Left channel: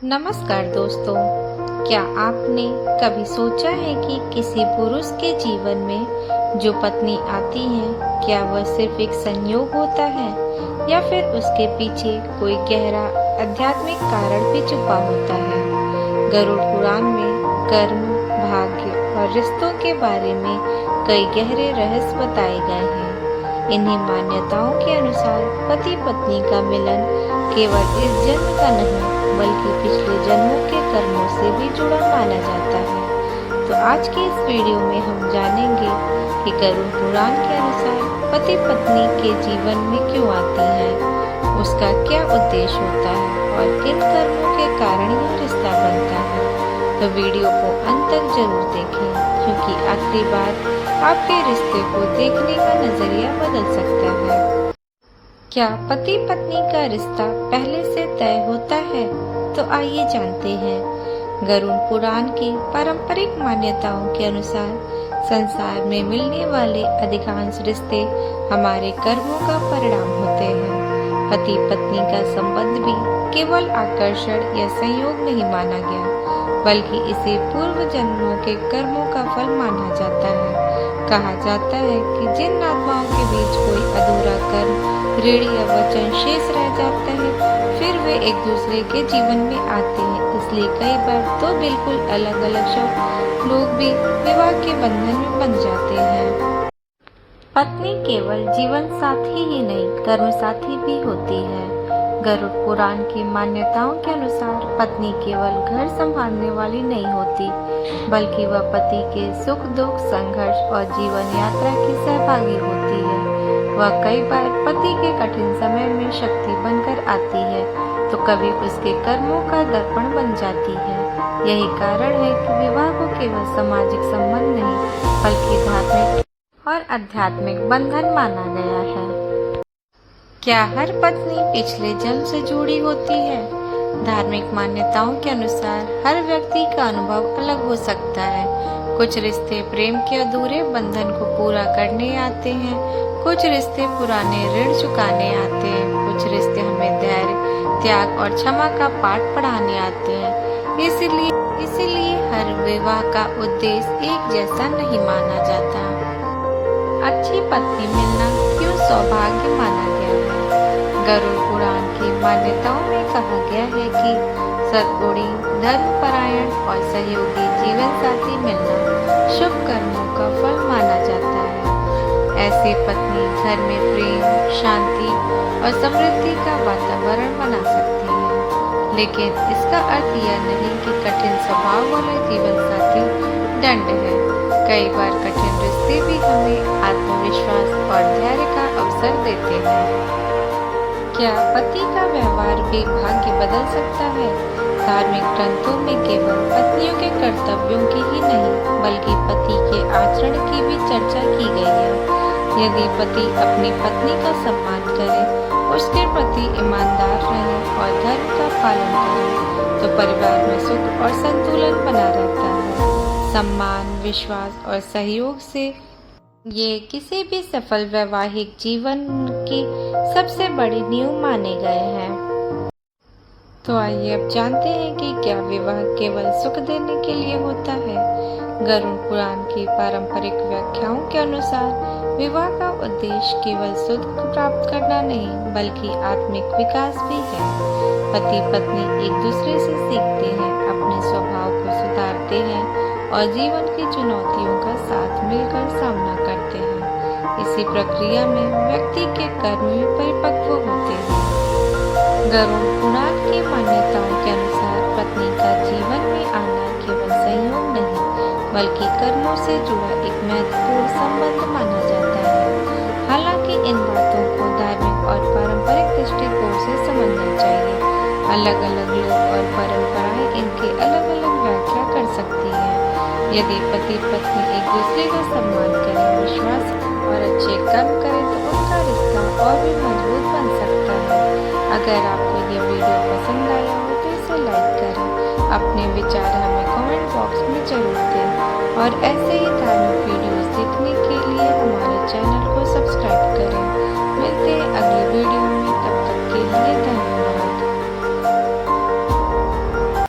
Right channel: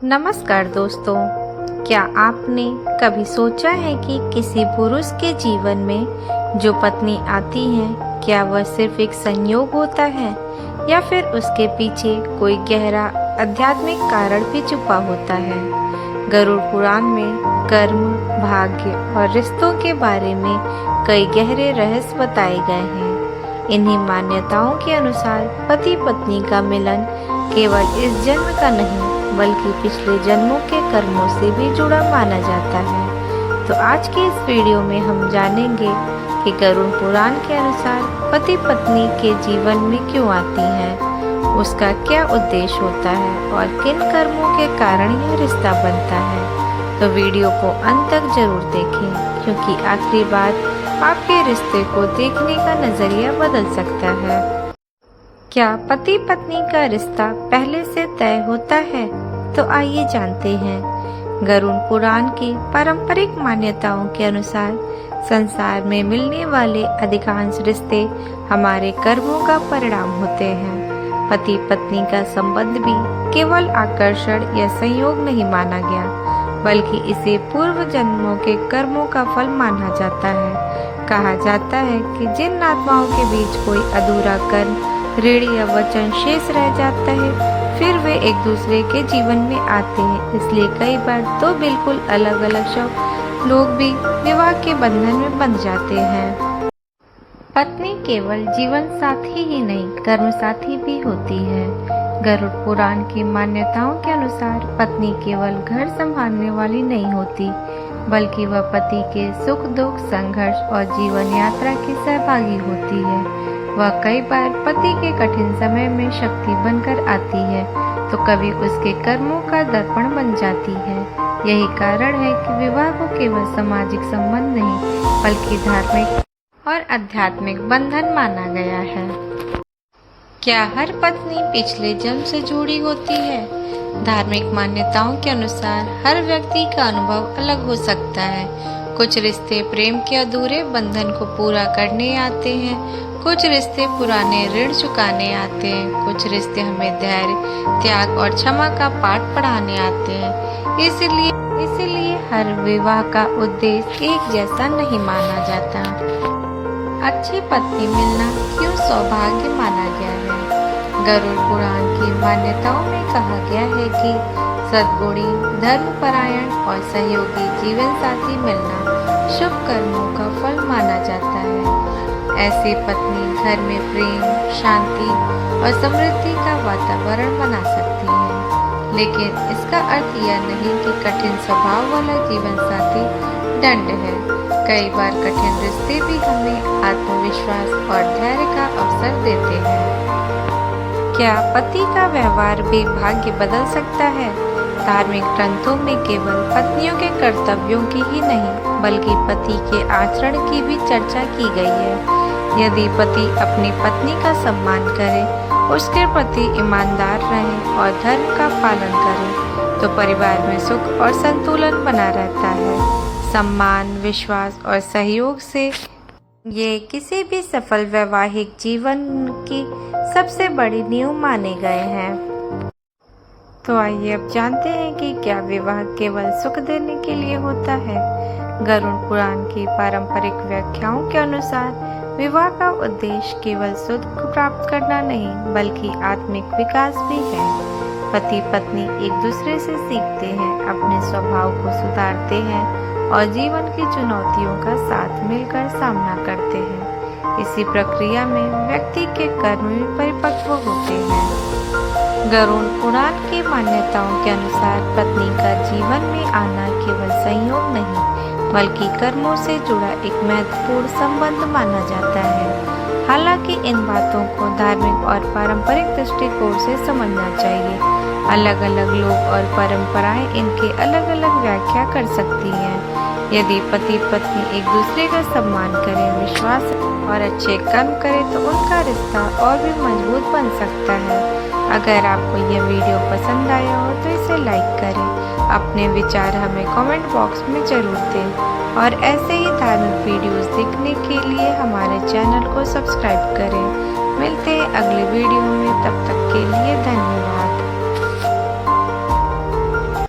नमस्कार दोस्तों, क्या आपने कभी सोचा है कि किसी पुरुष के जीवन में जो पत्नी आती है, क्या वह सिर्फ एक संयोग होता है या फिर उसके पीछे कोई गहरा आध्यात्मिक कारण भी छुपा होता है। गरुड़ पुराण में कर्म, भाग्य और रिश्तों के बारे में कई गहरे रहस्य बताए गए हैं। इन्हीं मान्यताओं के अनुसार पति पत्नी का मिलन केवल इस जन्म का नहीं बल्कि पिछले जन्मों के कर्मों से भी जुड़ा माना जाता है। तो आज की इस वीडियो में हम जानेंगे कि गरुड़ पुराण के अनुसार पति पत्नी के जीवन में क्यों आती है, उसका क्या उद्देश्य होता है और किन कर्मों के कारण यह रिश्ता बनता है। तो वीडियो को अंत तक जरूर देखें, क्योंकि आखिरी बार आपके रिश्ते को देखने का नजरिया बदल सकता है। क्या पति पत्नी का रिश्ता पहले से तय होता है? तो आइए जानते हैं। गरुड़ पुराण की पारंपरिक मान्यताओं के अनुसार संसार में मिलने वाले अधिकांश रिश्ते हमारे कर्मों का परिणाम होते हैं। पति पत्नी का संबंध भी केवल आकर्षण या संयोग नहीं माना गया, बल्कि इसे पूर्व जन्मों के कर्मों का फल माना जाता है। कहा जाता है कि जिन आत्माओं के बीच कोई अधूरा कर्म, ऋण या वचन शेष रह जाता है, फिर वे एक दूसरे के जीवन में आते हैं। इसलिए कई बार तो बिल्कुल अलग अलग लोग भी विवाह के बंधन में बंध जाते हैं। पत्नी केवल जीवन साथी ही नहीं, कर्म साथी भी होती है। गरुड़ पुराण की मान्यताओं के अनुसार पत्नी केवल घर संभालने वाली नहीं होती, बल्कि वह पति के सुख दुख, संघर्ष और जीवन यात्रा की सहभागी होती है। वह कई बार पति के कठिन समय में शक्ति बनकर आती है, तो कभी उसके कर्मों का दर्पण बन जाती है। यही कारण है कि विवाह को केवल सामाजिक संबंध नहीं, बल्कि धार्मिक और आध्यात्मिक बंधन माना गया है। क्या हर पत्नी पिछले जन्म से जुड़ी होती है? धार्मिक मान्यताओं के अनुसार हर व्यक्ति का अनुभव अलग हो सकता है। कुछ रिश्ते प्रेम के अधूरे बंधन को पूरा करने आते हैं, कुछ रिश्ते पुराने ऋण चुकाने आते हैं, कुछ रिश्ते हमें धैर्य, त्याग और क्षमा का पाठ पढ़ाने आते हैं। इसीलिए हर विवाह का उद्देश्य एक जैसा नहीं माना जाता। अच्छी पत्नी मिलना क्यों सौभाग्य माना गया है? गरुड़ पुराण की मान्यताओं में कहा गया है कि सद्गुणी, धर्मपरायण और सहयोगी जीवन साथी मिलना शुभ कर्मों का फल माना जाता है। ऐसी पत्नी घर में प्रेम, शांति और समृद्धि का वातावरण बना सकती है। लेकिन इसका अर्थ यह नहीं कि कठिन स्वभाव वाला जीवन साथी दंड है। कई बार कठिन रिश्ते भी हमें आत्मविश्वास और धैर्य का अवसर देते हैं। क्या पति का व्यवहार भी भाग्य बदल सकता है? धार्मिक ग्रंथों में केवल पत्नियों के कर्तव्यों की ही नहीं, बल्कि पति के आचरण की भी चर्चा की गई है। यदि पति अपनी पत्नी का सम्मान करे, उसके प्रति ईमानदार रहे और धर्म का पालन करे, तो परिवार में सुख और संतुलन बना रहता है। सम्मान, विश्वास और सहयोग से ये किसी भी सफल वैवाहिक जीवन की सबसे बड़ी नींव माने गए हैं। तो आइए अब जानते हैं कि क्या विवाह केवल सुख देने के लिए होता है। गरुड़ पुराण की पारंपरिक व्याख्याओं के अनुसार विवाह का उद्देश्य केवल सुख प्राप्त करना नहीं, बल्कि आत्मिक विकास भी है। पति पत्नी एक दूसरे से सीखते हैं, अपने स्वभाव को सुधारते हैं और जीवन की चुनौतियों का साथ मिलकर सामना करते हैं। इसी प्रक्रिया में व्यक्ति के कर्म भी परिपक्व होते हैं। गरुड़ पुराण की मान्यताओं के अनुसार पत्नी का जीवन में आना केवल संयोग नहीं, बल्कि कर्मों से जुड़ा एक महत्वपूर्ण संबंध माना जाता है। हालांकि इन बातों को धार्मिक और पारंपरिक दृष्टिकोण से समझना चाहिए। अलग अलग लोग और परंपराएं इनकी अलग अलग व्याख्या कर सकती हैं। यदि पति पत्नी एक दूसरे का सम्मान करें, विश्वास और अच्छे कर्म करें, तो उनका रिश्ता और भी मजबूत बन सकता है। अगर आपको यह वीडियो पसंद आया हो तो इसे लाइक करें। अपने विचार हमें कमेंट बॉक्स में जरूर दें और ऐसे ही धार्मिक वीडियोस देखने के लिए हमारे चैनल को सब्सक्राइब करें। मिलते हैं अगले वीडियो में, तब तक के लिए धन्यवाद।